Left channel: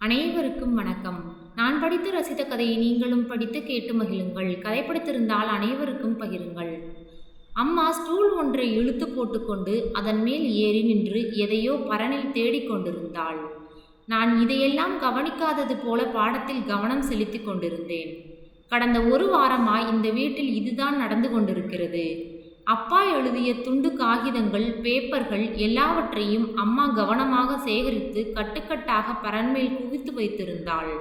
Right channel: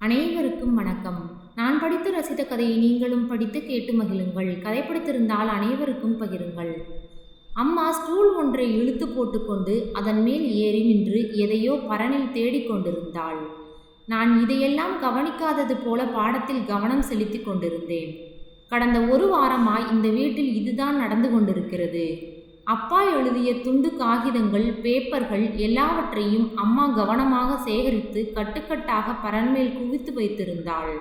அனைவருக்கும் வணக்கம். நான் படித்து ரசித்த கதையை நீங்களும் படித்து கேட்டு மகிழுங்கள். கதை பிடித்திருந்தால் அனைவருக்கும் பகிருங்கள். அம்மா ஸ்டூல் ஒன்றை இழுத்து போட்டுக்கொண்டு அதன் மேல் ஏறி நின்று எதையோ பரனில் தேடிக்கொண்டிருந்தாள். நான் இதையெல்லாம் கவனிக்காதது போல பாடத்தில் கவனம் செலுத்தி கொண்டிருந்தேன். கடந்த ஒரு வாரமாய் இந்த வீட்டில் இதுதான் நடந்து கொண்டிருக்கிறது. அப்பா எழுதிய துண்டு காகிதங்கள், பேப்பர்கள் எல்லாவற்றையும் அம்மா கவனமாக சேகரித்து கட்டுக்கட்டாக பரன்மேல் குவித்து வைத்திருந்தாள்.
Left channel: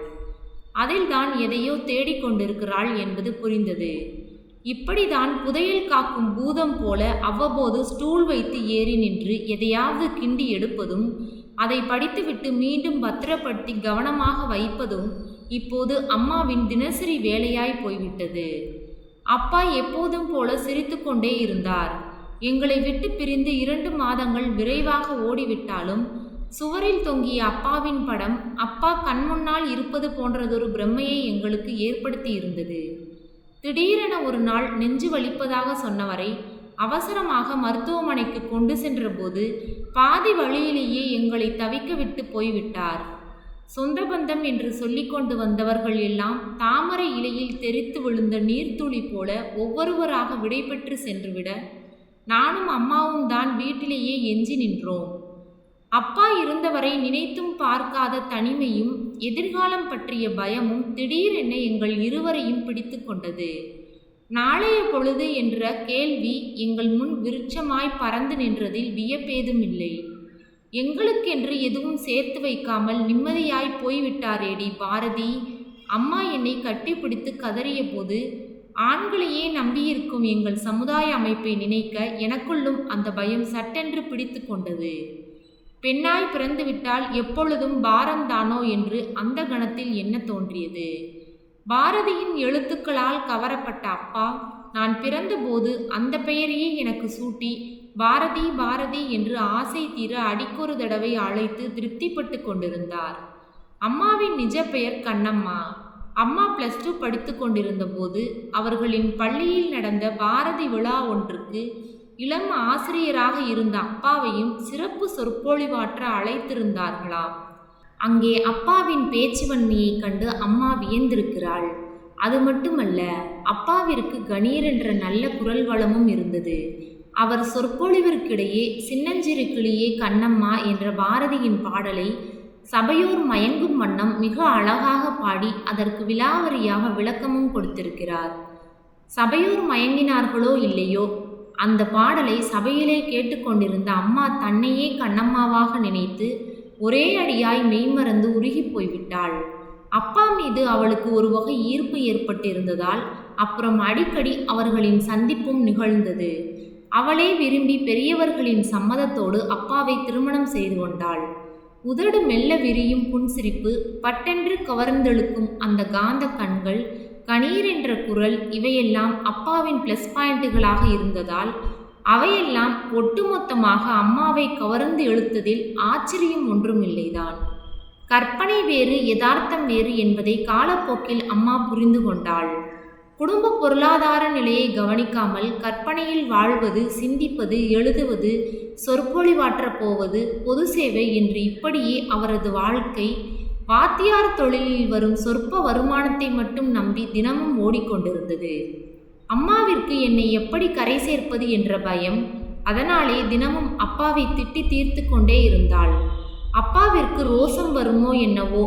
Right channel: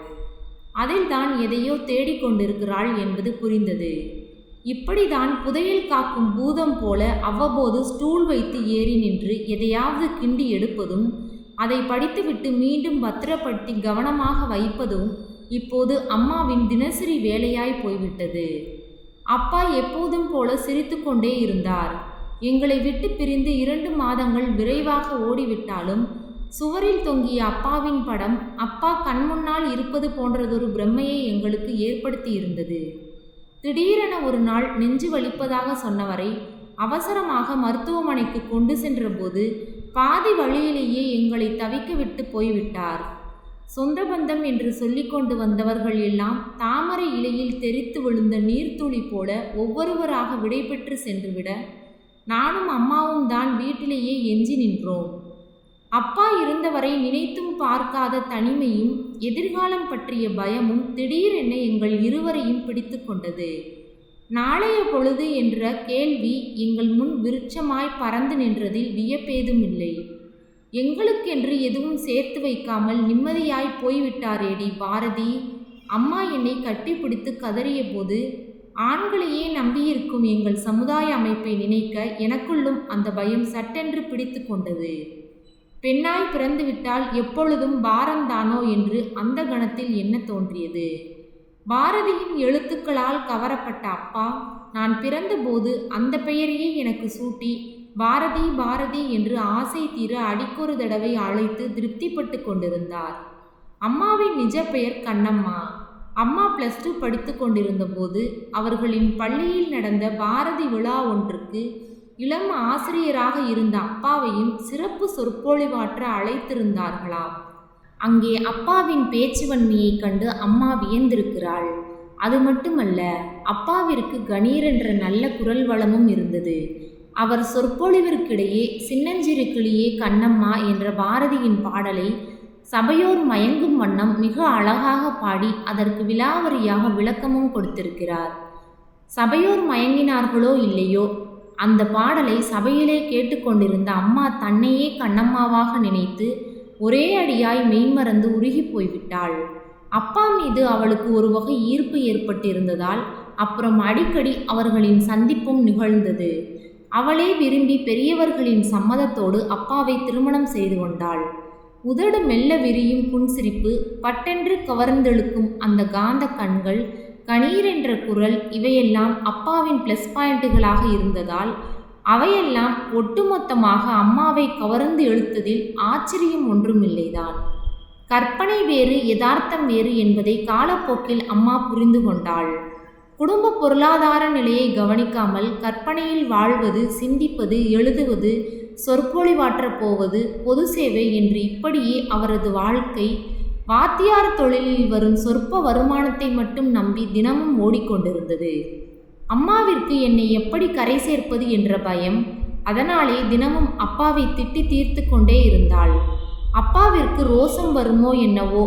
அதில்தான் எதையோ தேடிக்கொண்டிருக்கிறாள் என்பது புரிந்தது. இப்படிதான் புதையல் காக்கும் பூதம் போல அவ்வப்போது ஸ்டூல் வைத்து ஏறி நின்று எதையாவது கிண்டி எடுப்பதும், அதை படித்துவிட்டு மீண்டும் பத்திரப்படுத்தி கவனமாக வைப்பதும் இப்போது அம்மாவின் தினசரி வேலையாய் போய்விட்டது. அப்பா எப்போதும் போல சிரித்து கொண்டே இருந்தார். எங்களை விட்டு பிரிந்து 2 மாதங்கள் விரைவாக ஓடிவிட்டாலும் சுவரில் தொங்கிய அப்பாவின் படம் அப்பா கண்முன்னால் இருப்பது போன்றதொரு பிரமையை எங்களுக்கு ஏற்படுத்தி இருந்தது. திடீரென ஒரு நாள் நெஞ்சு வலிப்பதாக சொன்னவரை அவசரமாக மருத்துவமனைக்கு கொண்டு சென்றபோது பாதி வழியிலேயே எங்களை தவிக்க விட்டு போய்விட்டார். சொந்த பந்தம் என்று சொல்லிக்கொண்டு வந்தவர்கள் எல்லாம் தாமரை இலையில் தெரித்து விழுந்த நீர்த்துளி போல ஒவ்வொருவராக விடைபெற்று சென்றுவிட நானும் அம்மாவும் தான் வீட்டிலேயே எஞ்சி நின்றோம். அப்பா இருந்தவரை நினைத்தும் பார்க்காத தனிமையும் எதிர்காலம் பற்றிய பயமும் திடீரென எங்கள் இருவரையும் பிடித்து கொண்டது. நாளைய பொழுது என்ற கேள்வி எங்கள் முன் விருட்சமாய் பறந்து நின்றதில் வியப்பேதுமில்லை. எங்களுக்கென்று எதுவும் சேர்த்து வைக்காமல் நிம்மதியாய் போய்விட்டாரேடி பாரதி. அம்மா என்னை கட்டிப்பிடித்து கதறிய போது ஆண்களையே நம்பியிருக்கும் எங்கள் சமுதாய அமைப்பை நினைக்க எனக்குள்ளும் அந்த பயம் சட்டென்று பிடித்து கொண்டது. பெண்ணாய் பிறந்துவிட்டால் எப்பொழுதும் பாரம்தானோ என்று அந்த கணத்தில் என்ன தோன்றியது. பாரதியின் எழுத்துக்களால் கவரப்பட்ட அப்பா நான் பிறந்தபோது அந்த பெயரையே எனக்கு சூட்டி பாரதி பாரதி என்று ஆசை தீர அடிக்கொரு தடவை அழைத்து திருப்திப்பட்டு கொண்டிருந்தார். அம்மாவின் நிஜ பெயர் கண்ணம்மா. அம்மா +2 படித்து கொண்டிருந்த போது அவர்களின் பள்ளியில் நடந்த பாரதி விழா ஒன்றுக்கு இளம் ஆசிரியராக இருந்த அப்பாவையும் சிறப்பு சொற்பொழிவாற்ற அழைத்திருந்தார்களாம். அங்கே அப்பாவின் பேச்சுவன்மையை கண்டு அம்மா வியந்திருக்கிறாள். அது மட்டுமல்ல, அப்பாவிற்கு கணீரென்ற நல்ல குரல் வளமும் இருந்தது. அவர் சொற்பொழிவிற்கிடையே சின்னஞ்சிறு கிளியே கண்ணம்மா என்ற பாரதியின் பாடலை சபையோர் மயங்கும் வண்ணம் மிக அழகாக பாடி அதற்கு விலாவரியாக விளக்கமும் கொடுத்திருக்கிறார். சபையோர் மயங்கினார்களோ இல்லையோ, அந்த பாடலை சபையிலே கேட்டுக்கொண்டிருந்த அம்மா தன்னையே கண்ணம்மாவாக நினைத்து ஒரே அடியாய் மெய்மறந்து உருகி போய்விட்டாள். அப்பா மீது அவளுக்கு ஒரு வகை ஈர்ப்பு ஏற்பட்டிருந்ததால் அப்புறம் அடிக்கடி அவர்களின் சந்திப்பும் நிகழ்ந்தது. அவளே விரும்பி பெரியவர்களின் சம்மதத்தோடு அப்பாவை திருமணம் செய்து கொண்டாள். உதடு மெல்ல விரியும் புன்சிரிப்பு, பட்டென்று கவர்ந்தெழுக்கும் அந்த காந்த கண்கள், கணீரென்ற குரல் இவையெல்லாம் அப்பாவின் +பாயிண்ட்டுகளாக இருந்ததால் அவையெல்லாம் ஒட்டுமொத்தமாக அம்மாவை கவர்ந்து இழுத்ததில் ஆச்சரியம் ஒன்றுமில்லைதான். கற்பனை வேறு யதார்த்தம் வேறு என்பதை காலப்போக்கில் அம்மா புரிந்து கொண்டாள். குடும்ப பொருளாதார நிலையை கவனிக்காமல் கற்பனையில் வாழ்வது, சிந்திப்பது, எழுதுவது, சொற்பொழிவாற்றப் போவது, பொது சேவை என்று இப்படியே அவரது வாழ்க்கை வாத்தியார் தொழிலில் வரும் சொற்ப வருமானத்தை மட்டும் நம்பி தினமும் ஓடிக்கொண்டிருந்தது. அம்மாவிற்கு என்னை எப்படி கரை சேர்ப்பது என்ற பயம். அதனாலே தினமும் அப்பாவை திட்டி தீர்த்து கொண்டே இருந்தாள். அப்பாவிற்கு ரோசம் வருமோ என்னவோ,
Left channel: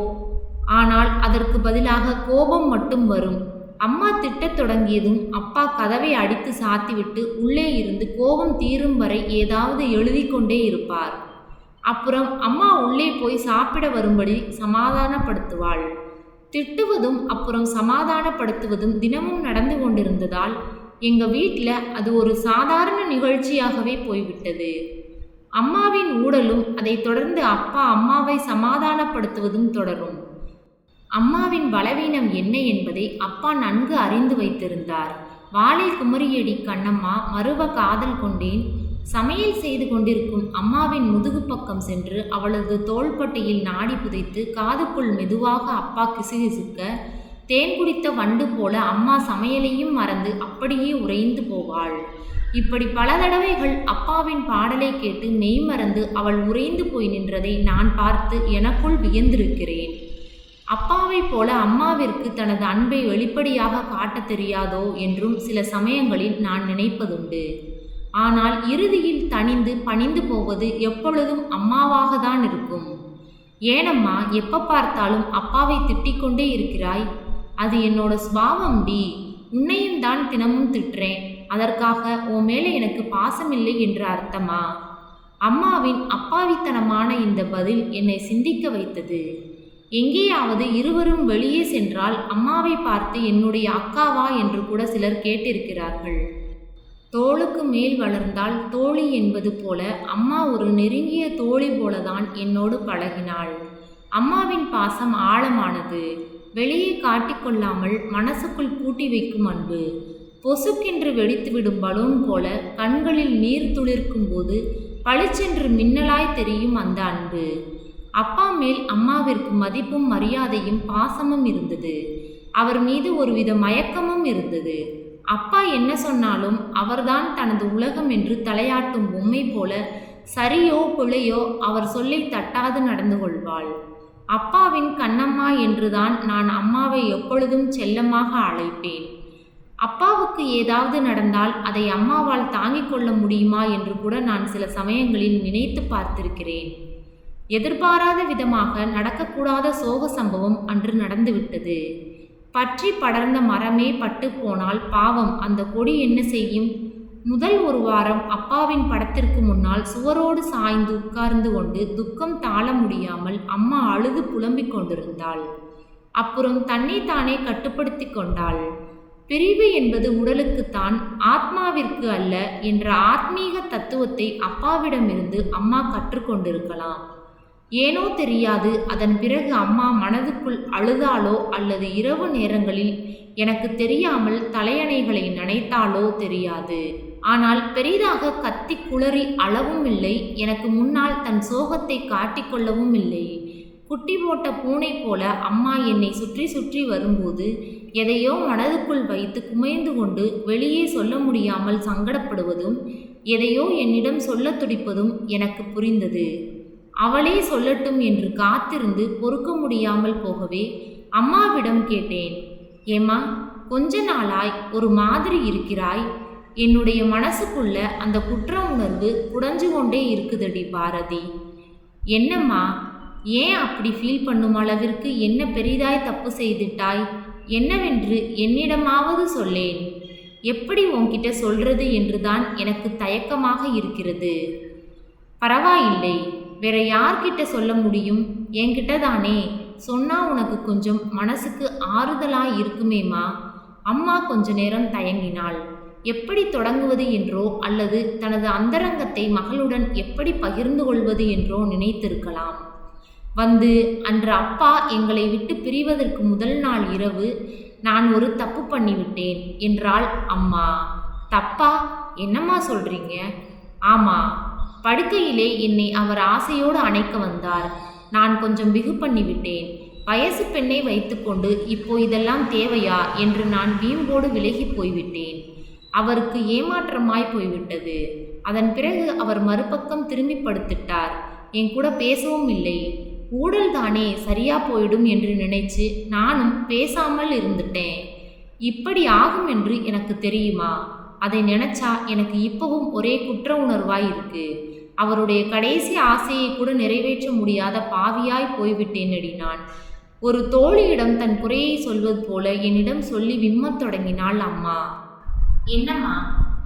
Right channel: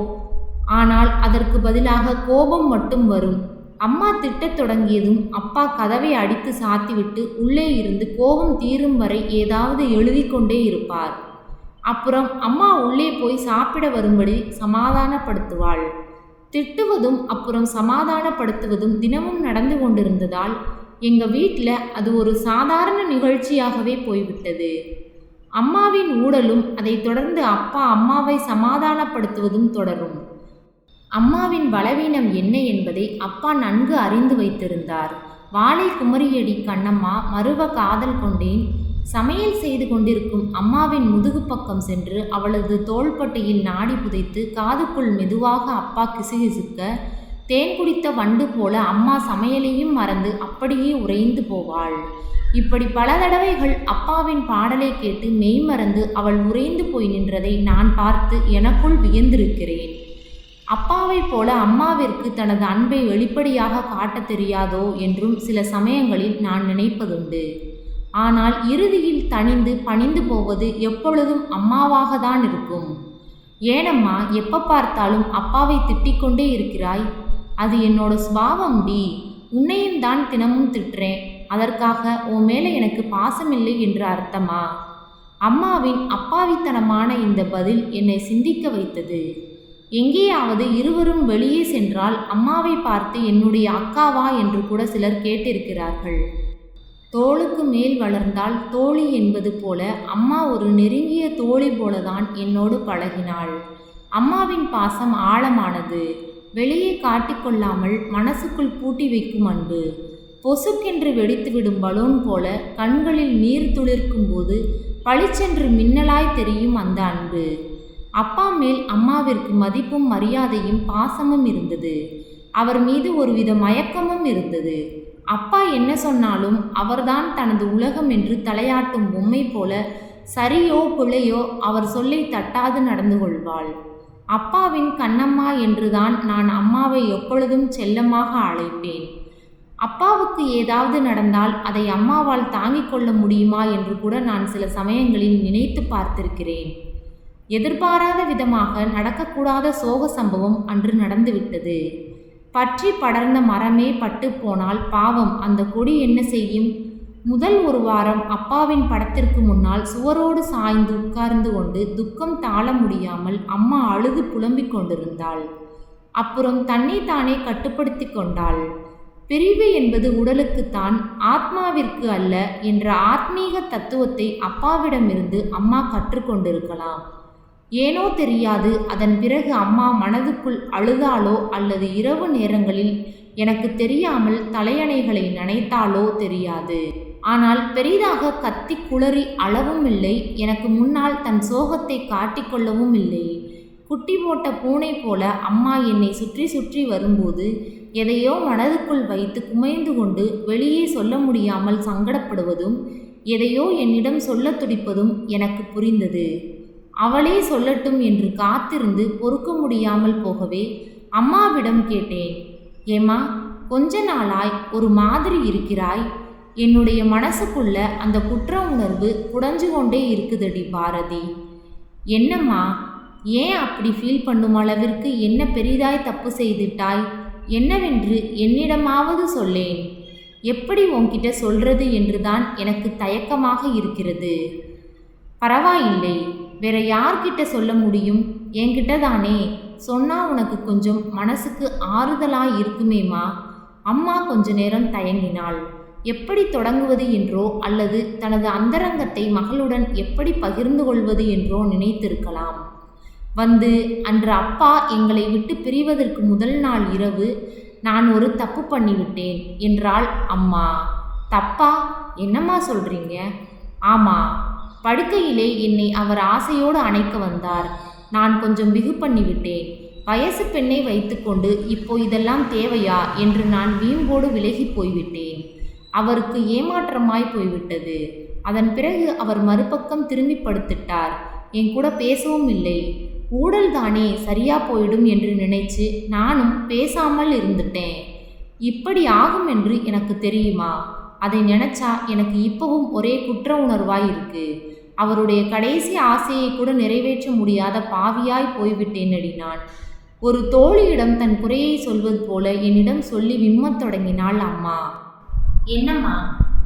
ஆனால் அதற்கு பதிலாக கோபம் மட்டும் வரும். அம்மா திட்டத் தொடங்கியதும் அப்பா கதவை அடித்து சாத்திவிட்டு உள்ளே இருந்து கோபம் தீரும் வரை ஏதாவது எழுதி கொண்டே இருப்பார். அப்புறம் அம்மா உள்ளே போய் சாப்பிட வரும்படி சமாதானப்படுத்துவாள். திட்டுவதும் அப்புறம் சமாதானப்படுத்துவதும் தினமும் நடந்து கொண்டிருந்ததால் எங்கள் வீட்டில் அது ஒரு சாதாரண நிகழ்ச்சியாகவே போய்விட்டது. அம்மாவின் ஊடலும் அதை தொடர்ந்து அப்பா அம்மாவை சமாதானப்படுத்துவதும் தொடரும். அம்மாவின் பலவீனம் என்ன என்பதை அப்பா நன்கு அறிந்து வைத்திருந்தார். வாளை குமரியடி கண்ணம்மா, மறுவ காதல் கொண்டேன். சமையல் செய்து கொண்டிருக்கும் அம்மாவின் முதுகு பக்கம் சென்று அவளது தோள்பட்டையில் நாடி புதைத்து காதுக்குள் மெதுவாக அப்பா கிசுகிசுக்க, தேன் குடித்த வண்டு போல அம்மா சமையலையும் மறந்து அப்படியே உறைந்து போவாள். இப்படி பல தடவைகள் அப்பாவின் பாடலை கேட்டு மெய்மறந்து அவள் உறைந்து போய் நின்றதை நான் பார்த்து எனக்குள் வியந்திருக்கிறேன். அப்பாவைப் போல அம்மாவிற்கு தனது அன்பை வெளிப்படையாக காட்டத் தெரியாதோ என்றும் சில சமயங்களில் நான் நினைப்பதுண்டு. ஆனால் இறுதியில் தணிந்து பணிந்து போவது எப்பொழுதும் அம்மாவாக தான் இருக்கும். ஏனம்மா எப்போ பார்த்தாலும் அப்பாவை திட்டிக்கொண்டே இருக்கிறாய்? அது என்னோட சுபாவம் டி. உன்னையும் தான் தினமும் திட்டுறேன். அதற்காக உன் மேலே எனக்கு பாசமில்லை என்று அர்த்தமா? அம்மாவின் அப்பாவித்தனமான இந்த பதில் என்னை சிந்திக்க வைத்தது. எங்கேயாவது இருவரும் வெளியே சென்றால் அம்மாவை பார்த்து என்னுடைய அக்காவா என்று கூட சிலர் கேட்டிருக்கிறார்கள். தோளுக்கு மேல் வளர்ந்தால் தோழி என்பது போல அம்மா ஒரு நெருங்கிய தோழி போலதான் என்னோடு பழகினாள். அம்மாவின் பாசம் ஆழமானது. வெளியே காட்டிக்கொள்ளாமல் மனசுக்குள் பூட்டி வைக்கும் அன்பு. பொசுக்கென்று வெடித்துவிடும் பலூன் போல கண்களில் நீர் துளிர்க்கும் போது பளிச்சென்று மின்னலாய் தெரியும் அந்த அன்பு. அப்பா மேல் அம்மாவிற்கு மதிப்பும் மரியாதையும் பாசமும் இருந்தது. அவர் மீது ஒருவித மயக்கமும் இருந்தது. அப்பா என்ன சொன்னாலும் அவர்தான் தனது உலகம் என்று தலையாட்டும் பொம்மை போல சரியோ பிழையோ அவர் சொல்லை தட்டாது நடந்து கொள்வாள். அப்பாவின் கண்ணம்மா என்றுதான் நான் அம்மாவை எப்பொழுதும் செல்லமாக அழைப்பேன். அப்பாவுக்கு ஏதாவது நடந்தால் அதை அம்மாவால் தாங்கிக் கொள்ள முடியுமா என்று கூட நான் சில சமயங்களில் நினைத்து பார்த்திருக்கிறேன். எதிர்பாராத விதமாக நடக்கக்கூடாத சோக சம்பவம் அன்று நடந்துவிட்டது. பற்றி படர்ந்த மரமே பட்டு போனால் பாவம் அந்த கொடி என்ன செய்யும்? முதல் ஒரு வாரம் அப்பாவின் படத்திற்கு முன்னால் சுவரோடு சாய்ந்து உட்கார்ந்து கொண்டு துக்கம் தாழ முடியாமல் அம்மா அழுது புலம்பிக் கொண்டிருந்தாள். அப்புறம் தன்னைத்தானே கட்டுப்படுத்தி கொண்டாள். பிரிவு என்பது உடலுக்குத்தான், ஆத்மாவிற்கு அல்ல என்ற ஆத்மீக தத்துவத்தை அப்பாவிடமிருந்து அம்மா கற்றுக்கொண்டிருக்கலாம். ஏனோ தெரியாது, அதன் பிறகு அம்மா மனதுக்குள் அழுதாளோ அல்லது இரவு நேரங்களில் எனக்கு தெரியாமல் தலையணைகளை நனைத்தாளோ தெரியாது. ஆனால் பெரிதாக கத்தி குளறி அளவும் இல்லை. எனக்கு முன்னால் தன் சோகத்தை காட்டிக்கொள்ளவும் இல்லை. குட்டி போட்ட பூனை போல அம்மா என்னை சுற்றி சுற்றி வரும்போது எதையோ மனதுக்குள் வைத்து குமைந்து கொண்டு வெளியே சொல்ல முடியாமல் சங்கடப்படுவதும் எதையோ என்னிடம் சொல்ல துடிப்பதும் எனக்கு புரிந்தது. அவளே சொல்லட்டும் என்று காத்திருந்து பொறுக்க முடியாமல் போகவே அம்மாவிடம் கேட்டேன், ஏம்மா கொஞ்ச நாளாய் ஒரு மாதிரி இருக்கிறாய். என்னுடைய மனசுக்குள்ள அந்த குற்ற உணர்வு குடஞ்சு கொண்டே இருக்குதடி பாரதி. என்னம்மா, ஏன் அப்படி ஃபீல் பண்ணும் அளவிற்கு என்ன பெரிதாய் தப்பு செய்துட்டாய்? என்னவென்று என்னிடமாவது சொல்லேன். எப்படி உன்கிட்ட சொல்றது என்றுதான் எனக்கு தயக்கமாக இருக்கிறது. பரவாயில்லை, வேற யார்கிட்ட சொல்ல முடியும்? என்கிட்ட தானே சொன்னா உனக்கு கொஞ்சம் மனசுக்கு ஆறுதலாய் இருக்குமேம்மா. அம்மா கொஞ்ச நேரம் தயங்கினாள். எப்படி தொடங்குவது என்றோ அல்லது தனது அந்தரங்கத்தை மகளுடன் எப்படி பகிர்ந்து கொள்வது என்றோ நினைத்திருக்கலாம். அன்று அப்பா எங்களை விட்டு பிரிவதற்கு முதல் நாள் இரவு நான் ஒரு தப்பு பண்ணிவிட்டேன் என்றாள் அம்மா. தப்பா? என்னம்மா சொல்றீங்க? ஆமா, படுக்கையிலே என்னை அவர் ஆசையோடு அணைக்க வந்தார். நான் கொஞ்சம் பிகு பண்ணிவிட்டேன். வயசு பெண்ணை வைத்துக்கொண்டு இப்போ இதெல்லாம் தேவையா என்று நான் வீம்போடு விலகி போய்விட்டேன். அவருக்கு ஏமாற்றமாய் போய்விட்டது. அதன் பிறகு அவர் மறுபக்கம் திரும்பி படுத்துட்டார். என் கூட பேசவும் இல்லை. ஊடல் தானே, சரியா போயிடும் என்று நினைச்சு நானும் பேசாமல் இருந்துட்டேன். இப்படி ஆகும் என்று எனக்கு தெரியுமா? அதை நினைச்சா எனக்கு இப்பவும் ஒரே குற்ற உணர்வாய் இருக்கு. அவருடைய கடைசி ஆசையை கூட நிறைவேற்ற முடியாத பாவியாய் போய்விட்டேனடி நான். ஒரு தோழியிடம் தன் குறையை சொல்வது போல என்னிடம் சொல்லி விம்மத் தொடங்கினாள் அம்மா. என்னம்மா,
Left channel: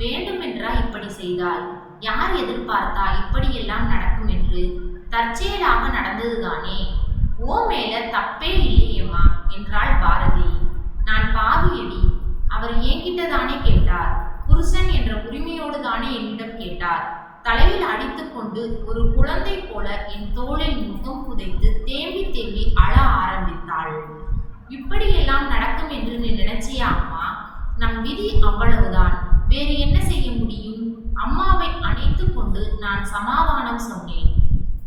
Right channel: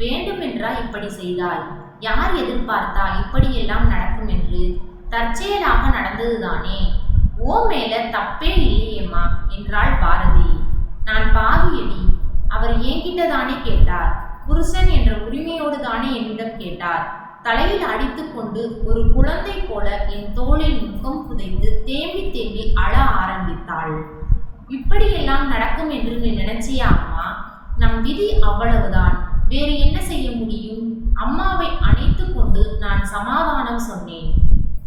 வேண்டுமென்றா இப்படி செய்தாய்? யார் எதிர்பார்த்தா இப்படியெல்லாம் நடக்கும் என்று? தற்செயலாக நடந்ததுதானே. ஓ மேல தப்பே இல்லையேம்மா என்றாள் பாரதி. நான் பாவியடி. அவர் என்கிட்ட தானே கேட்டார். புருஷன் என்ற உரிமையோடு தானே என்னிடம் கேட்டார். தலையில் அடித்து கொண்டு ஒரு குழந்தை போல என் தோளில் முகம் புதைத்து தேம்பி தேம்பி அழ ஆரம்பித்தாள். இப்படியெல்லாம் நடக்கும் என்று நீ நினைச்சியா அம்மா? நம் விதி அவ்வளவுதான். வேறு என்ன செய்ய முடியும்? அம்மாவை அணைத்து கொண்டு நான் சமாதானம் சொன்னேன்.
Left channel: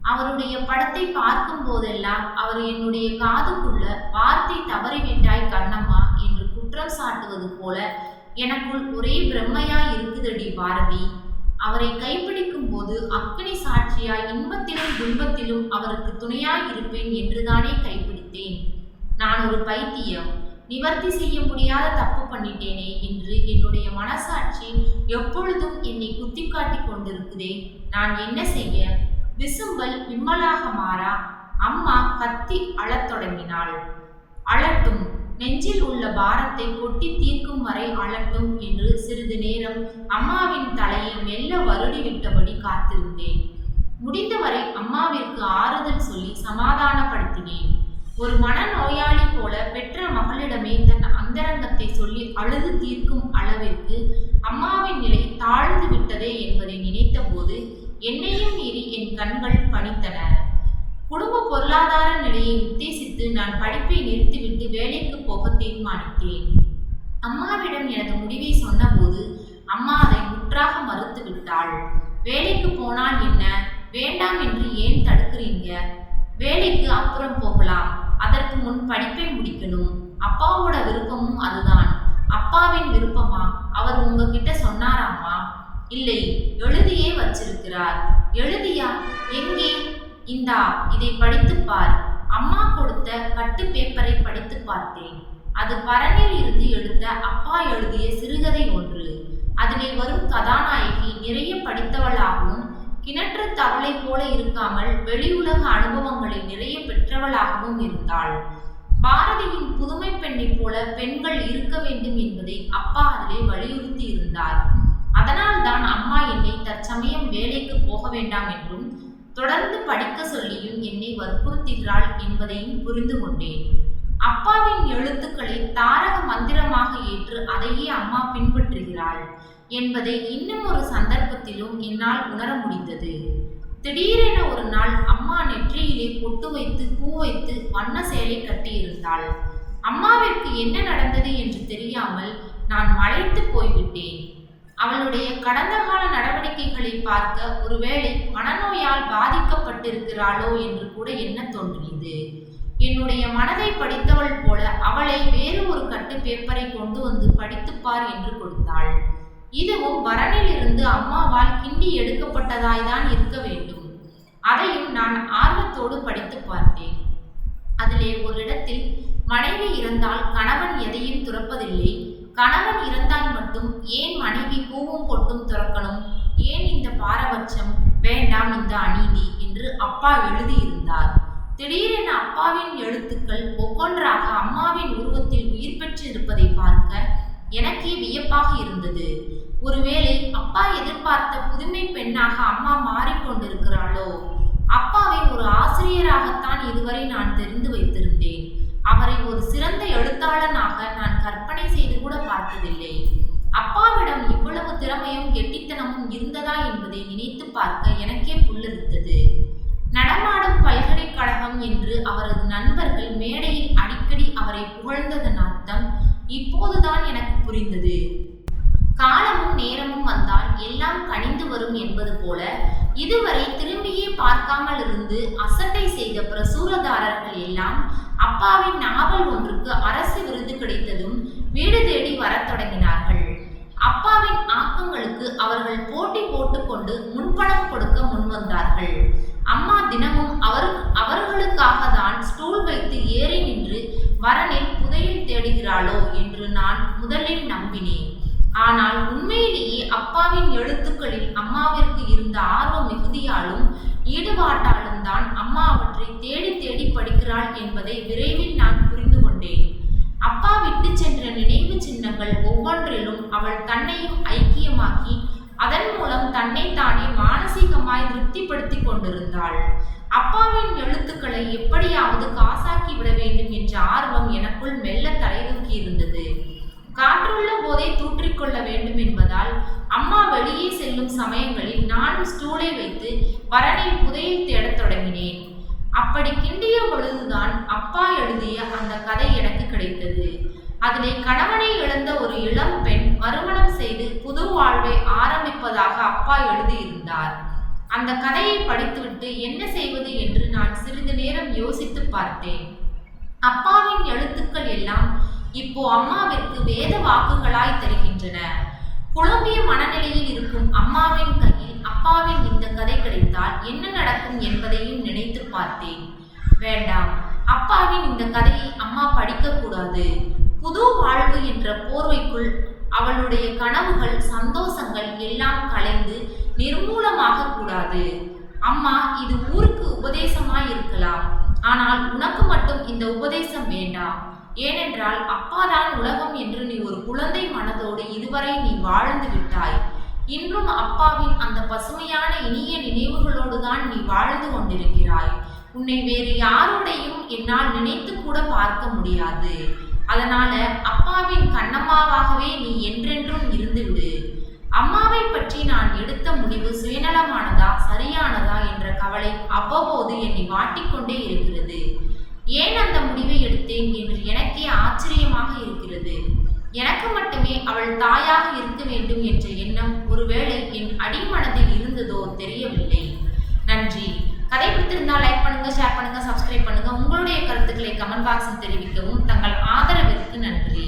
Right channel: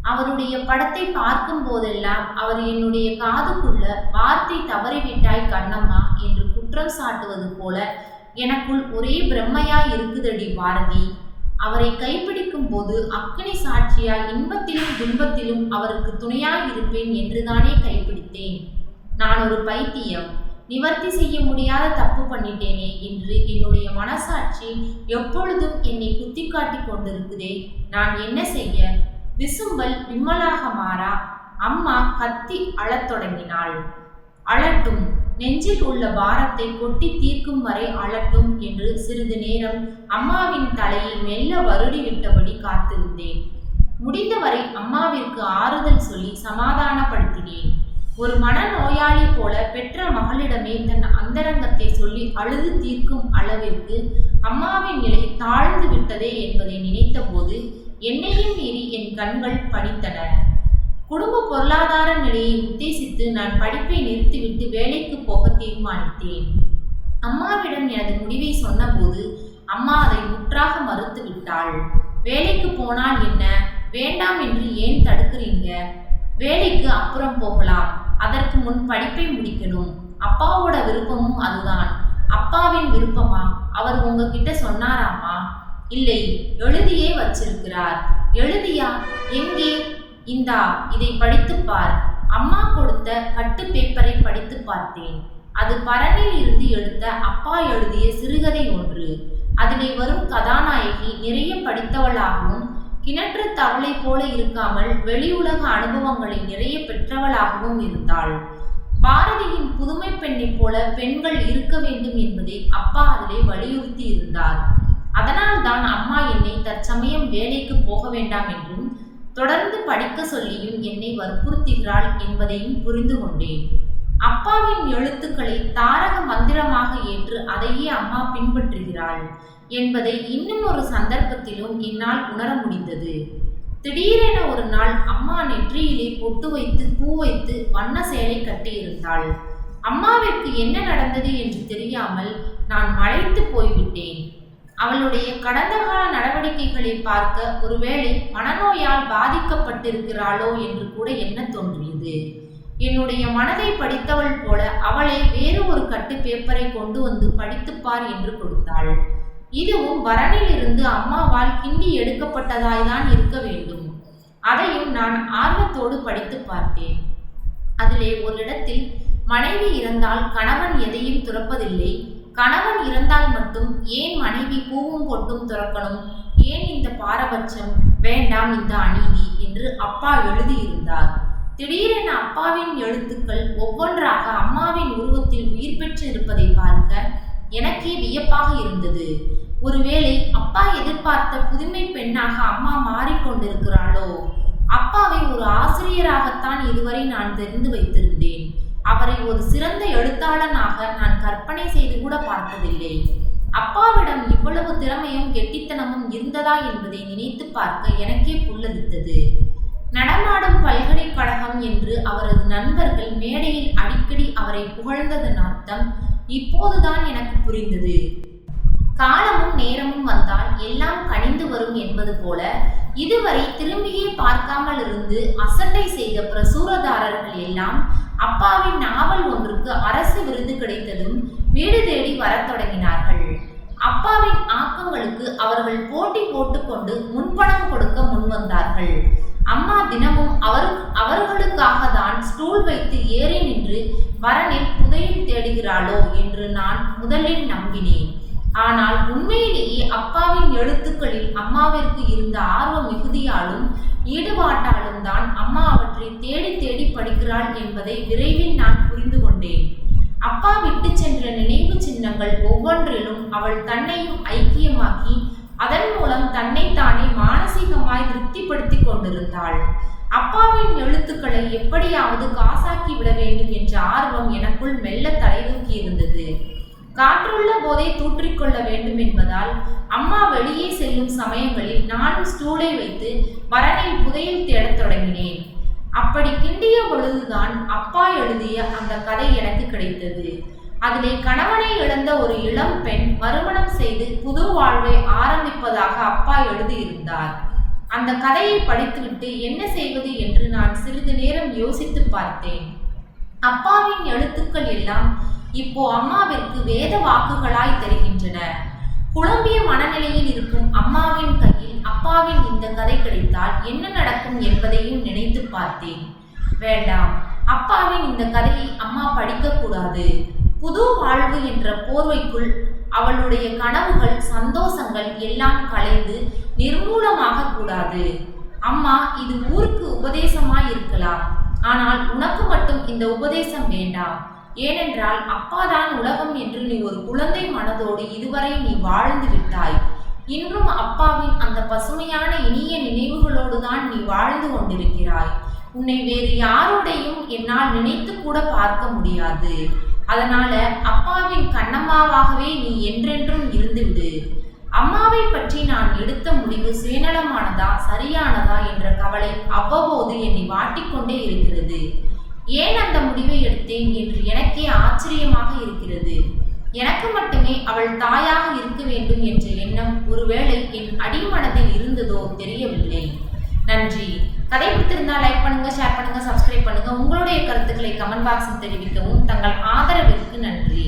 அவருடைய படத்தை பார்க்கும் போதெல்லாம் அவர் என்னுடைய காதுக்குள்ள வார்த்தை தவறிவிட்டாய் கண்ணம்மா என்று குற்றம் சாட்டுவது போல எனக்குள் ஒரே பிரம்மையாய் இருக்குதடி பாரதி. அவரை கைப்பிடிக்கும் போது அக்கினி சாட்சியாய் இன்பத்திலும் துன்பத்திலும் அவருக்கு துணையாய் இருப்பேன் என்றுதானே கைப்பிடித்தேன். நான் ஒரு பைத்தியம், நிவர்த்தி செய்ய முடியாத தப்பு பண்ணிட்டேனே என்று என்னுடைய மனசாட்சி எப்பொழுதும் என்னை குத்தி காட்டி கொண்டிருக்குதே. நான் என்ன செய்ய? விசும்பல் விம்மலாக மாறா. அம்மா கத்தி அழத் தொடங்கினாள். அழட்டும், நெஞ்சில் உள்ள பாரத்தை கொட்டி தீர்க்கும் வரை அழட்டும் என்று சிறிது நேரம் அம்மாவின் தலையை மெல்ல வருடி விட்டபடி காத்திருந்தேன். முடிந்தவரை அம்மாவிற்கு ஆறுதல் சொல்லி சமாதானப்படுத்தினேன். ஒரு மனநோயாளி போல பெற்ற மகளிடமே தன் அந்தரங்கத்தை சொல்லி அழுது தீர்க்கும் அளவிற்கு அம்மாவின் நிலை தாழ்ந்து விட்டதே என்பதை நினைத்தபோது என்னையும் மீறி என் கண்கள் பனித்தன. குடும்ப பொருளாதார நிலையை உத்தேசித்து நான் படிப்பை நிறுத்திவிட்டு வேலைக்கு போக தீர்மானித்தேன். அம்மாவிடம் எனது முடிவை சொன்னபோது அம்மா அதை முற்றாக மறுத்து விட்டாள். வேலைக்கு போனால் என்ன? வேண்டாம் என்று ஏன் தடுக்கிறீங்க? வேலைக்கு அப்புறம் போகலாம், அதற்கு முன் படிப்பை முடிக்கணும். அப்பாவோட விருப்பமும் அதுதான். அப்பாவின் விருப்பமா? அவர் உங்ககிட்ட சொன்னாராமா? இல்லை, எழுதியே வச்சிருக்கிறார். எழுதியா? எங்கே? இந்தா, இதை படித்துப்பார். அம்மா கொடுத்த கட்டு பேப்பரை படித்து பார்த்தேன். அது பரணில் இருந்து எடுத்த அப்பா எழுதிய சிறுகதை ஒன்று. அதிலே வரும் கதாநாயகி நிறைய படித்தவளாகவும் கிணற்று தவளை போல இருக்காமல் வெளியுலக அனுபவங்களை நிறைய பெற்றவளாகவும் இருந்தாள். பாரதியின் புதுமை பெண்ணைப் போல பெண்கள் இருக்க வேண்டும் என்பதை அப்பா அதிலே வலியுறுத்தி இருந்தார். அதனால்தான் அம்மா என்னை தற்சமயம் வேலைக்கு போக வேண்டாம் என்றும் தொடர்ந்து படிக்க சொல்லியும் என்னை வற்புறுத்துகிறாள் என்பதையும் புரிந்து கொண்டேன். அப்பாவின் எழுத்துக்களை தாரக மந்திரமாக ஏற்று அதையே அம்மா பின்பற்றுகிறாள் என்பதை இன்னும் ஒரு சந்தர்ப்பத்திலும் என்னால் உணர முடிந்தது. திடீரென ஒரு நாள் அம்மா நெற்றியிலே பொட்டு வைத்து பூ வைத்து வண்ண சேலை கட்டியிருந்தாள். அம்மாவிற்கு என்ன நடந்தது என்று தெரியாமல் நான் மலைத்து போய்விட்டேன். அவளுடைய கடந்த கால நடவடிக்கைகளை பார்க்க ஒருவேளை மனநோயால் பாதிக்கப்பட்டிருக்கிறாளோ என்று கூட எண்ண தோன்றியது. என்னுடைய மனதை படித்தவள் போல அவளை வேறு ஒரு கட்டு பேப்பரை கொண்டு வந்து படித்துப்பார் என்று கொடுத்தாள். இதுவும் பரணில் இருந்து அம்மாவால் கிண்டி எடுக்கப்பட்டதாய்தான் இருக்க வேண்டும். அதையும் நான் ஆர்வத்தோடு படித்து பார்த்தேன். அதிலே ஒரு இடத்தில் மனைவி இறந்தால் கணவன் எதையும் துறப்பதில்லை, கணவன் இறந்தால் மட்டும் ஏன் மனைவி பூவும் பொட்டும் துறக்கணும், ஏன் இந்த பாரபட்சம், வேண்டாம் இந்த அநீதி என்று அப்பா எழுதியிருந்தார். திடீரென அப்பாவின் எழுத்துக்கள் ஒவ்வொன்றாக அம்மாவின் உருவத்தில் உயிர் பெற்று இருப்பதை பார்க்க எனக்கே வியப்பாக இருந்தது. ஒருவேளை அப்பா எதிர்பார்த்த புதுமை பெண்ணாக அம்மா மாறிக்கொண்டிருக்கிறாளோ? அப்பாவை ஒரு ஆசிரியராகத்தான் இதுவரை நான் தெரிந்து வைத்திருந்தேன். அவரை ஒரு சிறந்த எழுத்தாளனாக நான் கற்பனை செய்து கூட பார்த்ததில்லை. அப்பாவிடம் இவ்வளவு திறமையும் கெட்டித்தனமும் இருந்ததா என்பதை நினைத்து பார்க்க எனக்கே புல்லரித்தது. நடமாடும் பல்கலைக்கழகம் என்று அவரது நண்பர்கள் மேடையில் அடிக்கடி அவரை புகழ்ந்ததன் அர்த்தம் இப்போதுதான் எனக்கு புரிந்தது. காலமும் நேரமும் வந்தால் எல்லாம் கனிந்து வரும் என்பது போல இதுவரை திரும்பியே பார்க்காமல் இருந்து அசட்டை செய்த பிரசுரதாரர்கள் எல்லாம் அப்பாவின் நாவல் ஒன்றுக்கு அரசு விருது கிடைத்ததும் வீடு தேடி வரத் தொடங்கினார்கள். அப்பாவின் ஆக்கங்களுக்கு அவர்கள் போட்டி போட்டுக்கொண்டு முன்பணம் கொடுக்க முன்வந்தார்கள். அம்மா தினமும் அவர்களுக்காக தான் ஸ்டூல் வைத்து ஏறி நின்று வரனில் புதையல் தேடுகிறாளோ என்று நான் முதலில் நம்பினேன். ஆனால் உண்மையிலேயே அப்பாவின் எழுத்துக்களில் அம்மாவிற்கு இருந்த ஆர்வ மிகுதியாலும் ஈடுபாட்டாலும் தான் அம்மா அவற்றை தேடி தேடி படிக்கிறாள் என்பதை விரைவில் நான் புரிந்து கொண்டேன். அப்பா விட்டு சென்ற நினைவு சின்னங்கள் ஒவ்வொன்றிலும் அவள் தன்னையும் ஐக்கியமாக்கி அதன் மூலம் தன்னைத்தானே மானசீகமாய் திருப்திப்படுத்தி கொண்டிருந்தாள். அப்பாவின் எழுத்துக்களை எப்படியாவது காசாக்கி விட வேண்டும் என்ற ஆர்வம் எனக்குள் மெல்ல தலைதூக்கி இருந்தது. காற்றுள்ள போதே தூற்றிக்கொள்ள வேண்டும் என்பதால் அம்மா வெளியே செல்லும் சமயங்களில் நானும் ஸ்டூலை வைத்து வரனில் புதையல் தேடத் தொடங்கினேன். அப்படி கிண்டிய பொழுதுதான் அப்பா எழுதிய அந்த கதை எனக்கு கிடைத்தது. அதிலே கணவனை இழந்த ஒரு இளம் பெண் மறுமணம் செய்து புது வாழ்வை ஆரம்பிப்பதாக அப்பா எழுதியிருந்தார். அந்த கதையை படித்துவிட்டு என்ன செய்வது என்று நான் சிறிது நேரம் யோசித்து பார்த்தேன். அப்பாவின் எழுத்துக்கள் எல்லாம் இப்போ அம்மாவிற்கு வேத வாக்குகளாய் தெரிகின்றன. குழம்பிய மனநிலையில் இருக்கும் அம்மாவின் கையில் அப்பாவின் இந்த கதை கிடைத்தால் என்ன நடக்கும் என்பதையும் நினைத்து பார்த்தேன். வேண்டாம், அப்பாவின் இந்த கதையை அம்மா படிக்கக்கூடாது. புது வாழ்வு என்ற போர்வைக்குள் அவளுடைய கனவுகள், சந்தோஷங்கள் எல்லாம் கலைந்து நிர்மூலமாக கூடாது. அம்மா, இது ஊருக்கு உபதேசமாய் இருக்கலாம். ஆனால் உனக்கு மட்டும் இந்த உபதேசம் வேண்டாம். ஏனென்றால் அப்பாதான் உலகம் என்று நீ ஒரு குழந்தை மனதோடு இதுவரை நீ வாழ்ந்து விட்டாய். இன்றும் அப்பாவின் அந்த பசுமையான இனிய நினைவுகளோடு தான் நீ வாழ்ந்து கொண்டிருக்கிறாய். உன்னை வேறு யாரோடையும் என்னால் நினைத்து கூட பார்க்க முடியாது. அதனால அப்பாவின் கண்ணம்மாவாகவே நீ என்றென்றும் இருந்துவிடு. அம்மாவை பற்றி நான் எடுத்த முடிவு சுயநலமானதா சரியானதா என்ற கவலை அவ்வப்போது என்னை வாட்டிக்கொண்டே இருக்கிறது. ஏன் அந்த முடிவை எடுத்தேன் என்று எனக்கே ஆச்சரியமாக இருக்கிறது. எனக்கு மட்டுமே அவள் தாயாக இருக்க வேண்டும் என்ற எண்ணம் ஒருவேளை என் அடிமனதில் இருந்ததோ தெரியவில்லை. நன்றி. கதை பிடித்திருந்தால் லைக் பண்ணுங்க, ஷேர் பண்ணுங்க, சப்ஸ்கிரைப் பண்ணுங்க. உங்களுடைய கருத்துக்களை கமெண்ட் பாக்ஸில் தெரிவிக்கவும். தங்கள் ஆதரவிற்கு நன்றி.